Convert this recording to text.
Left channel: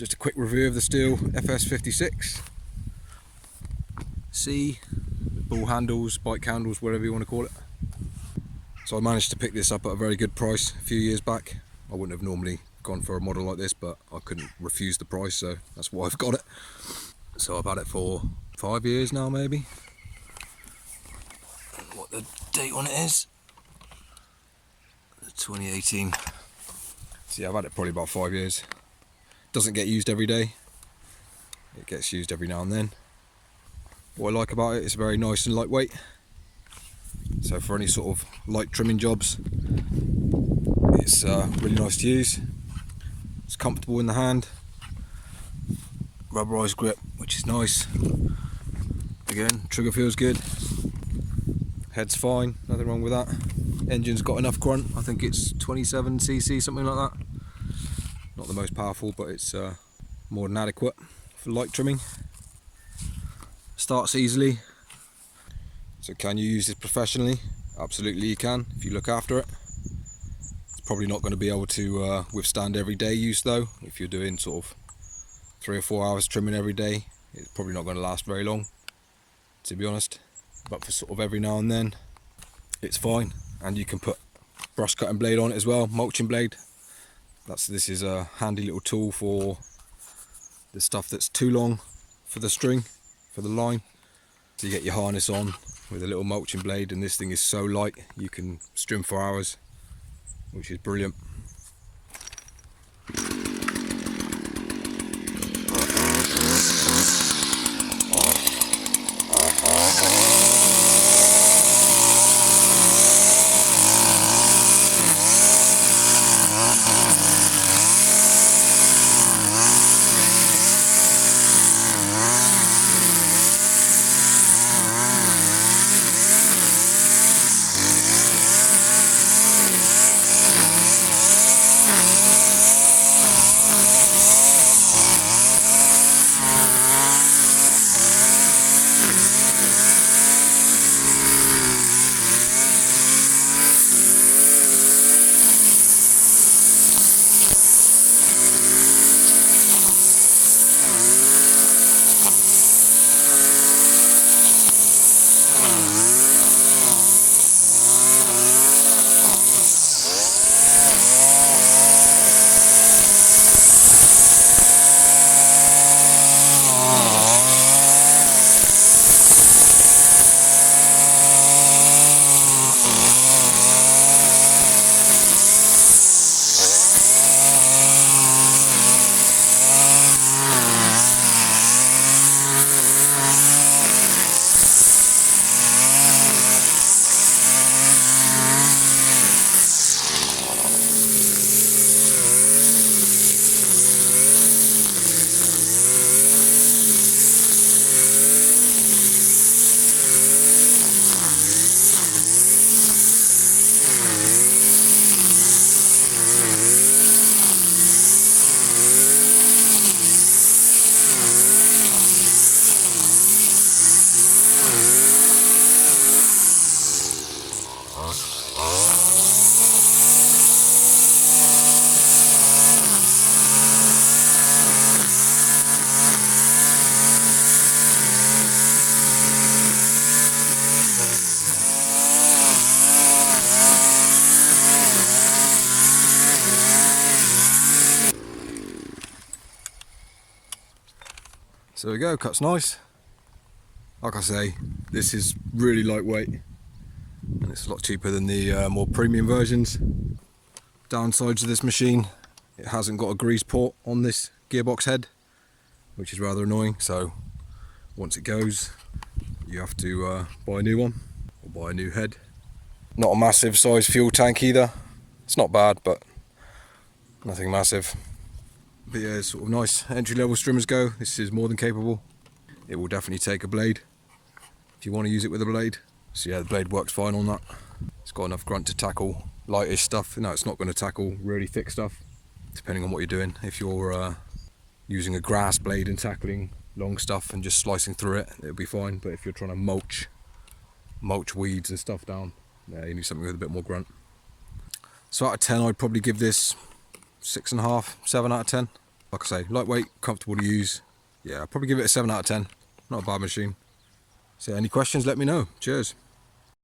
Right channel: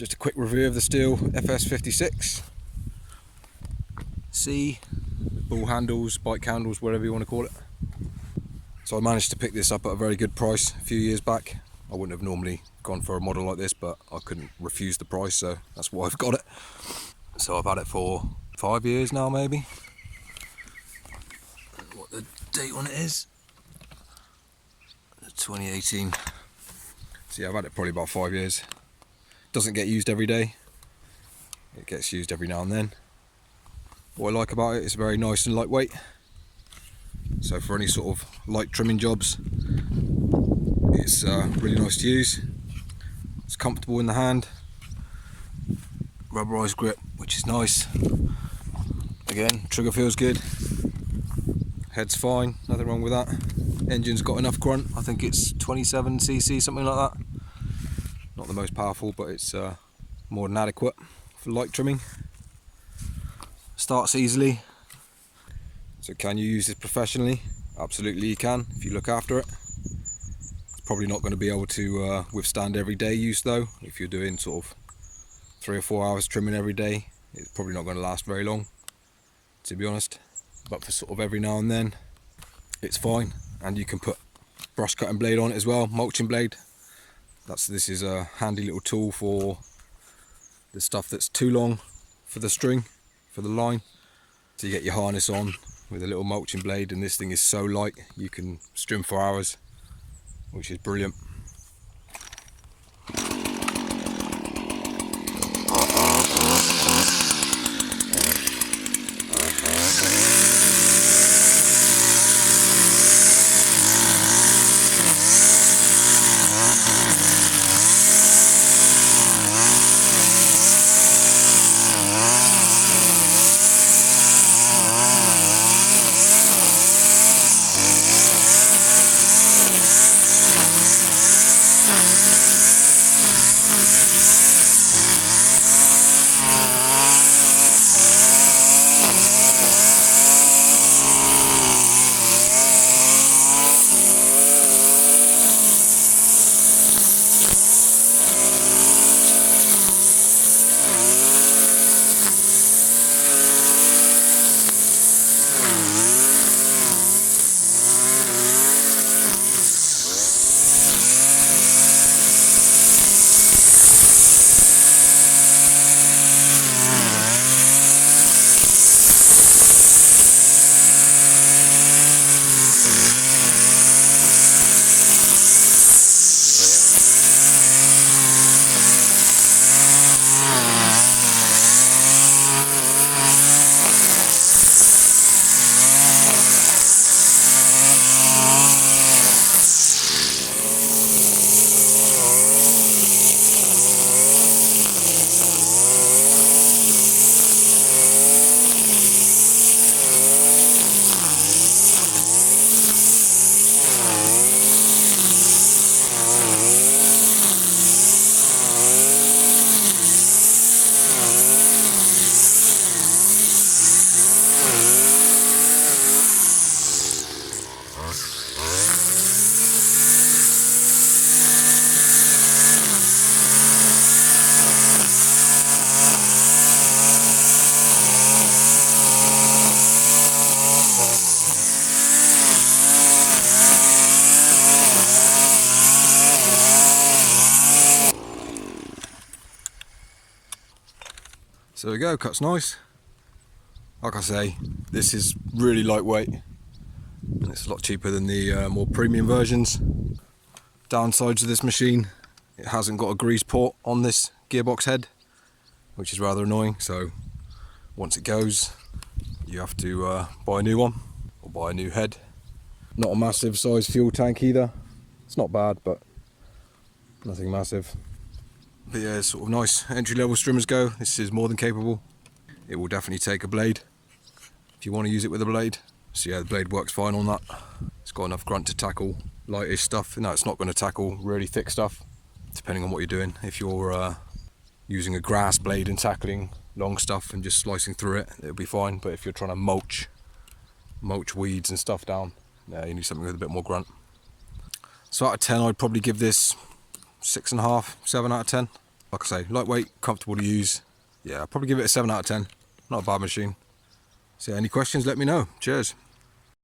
Just a quick review of the Stihl FS56 C, with ball handles, bike handles, whatever you want to call it. So I managed to pick this up at a very good price a few years back. I wouldn't have normally gone for a model like this, but I couldn't refuse the price, so that's why I've got it. So I've had it for 5 years now, maybe. And what the date on it is? 2018. So yeah, I've had it probably about 5 years. Doesn't get used every day. It gets used every now and then. What I like about it, it's very nice and lightweight. So for any sort of light trimming jobs, it's really nice to use. It's comfortable in the hand. Rubberized grip, which is nice. Again, trigger feels good. Head's fine, nothing wrong with that. Engine's got enough grunt. I think it's 27cc, something like that. Not the most powerful, but it's more than adequate for light trimming. Starts easily. So can you use this professionally? Absolutely you can, if you look after it. It's probably not going to be able to withstand everyday use though. If you're doing sort of 3 or 4 hours trimming every day, it's probably not going to last very long, to be honest. But for sort of every now and then, it's fine. And you can put brush cutting blade on it as well, mulching blade. This is a handy little tool for the stuff that's too long for the string, for the line. So you get your harness on with a little mulching blade, and this thing is so light you can string for hours, which is brilliant. So there we go, cuts nice. Like I say, this is really lightweight and it's a lot cheaper than the more premium versions. Downsides of this machine, it hasn't got a grease port on this gearbox head, which is rather annoying. So once it goes, you have to buy a new one or buy a new head. Not a massive size fuel tank either. It's not bad, but nothing massive. But yeah, it's sort of nice. Entry-level strimmers go. This is more than capable. It will definitely take a blade if you want to use it with a blade. So yeah, the blade works fine on that. It's got enough grunt to tackle lightish stuff. No, it's not going to tackle really thick stuff, depending on what you're doing. If you're using a grass blade and tackling long stuff and just slicing through it, it'll be fine. But if you're trying to mulch weeds and stuff down, you need something with a bit more grunt. So out of 10, I'd probably give this 6.5, 7 out of 10. Like I say, lightweight, comfortable to use. Yeah, I'll probably give it a 7 out of 10. Not a bad machine. So any questions, let me know. Cheers.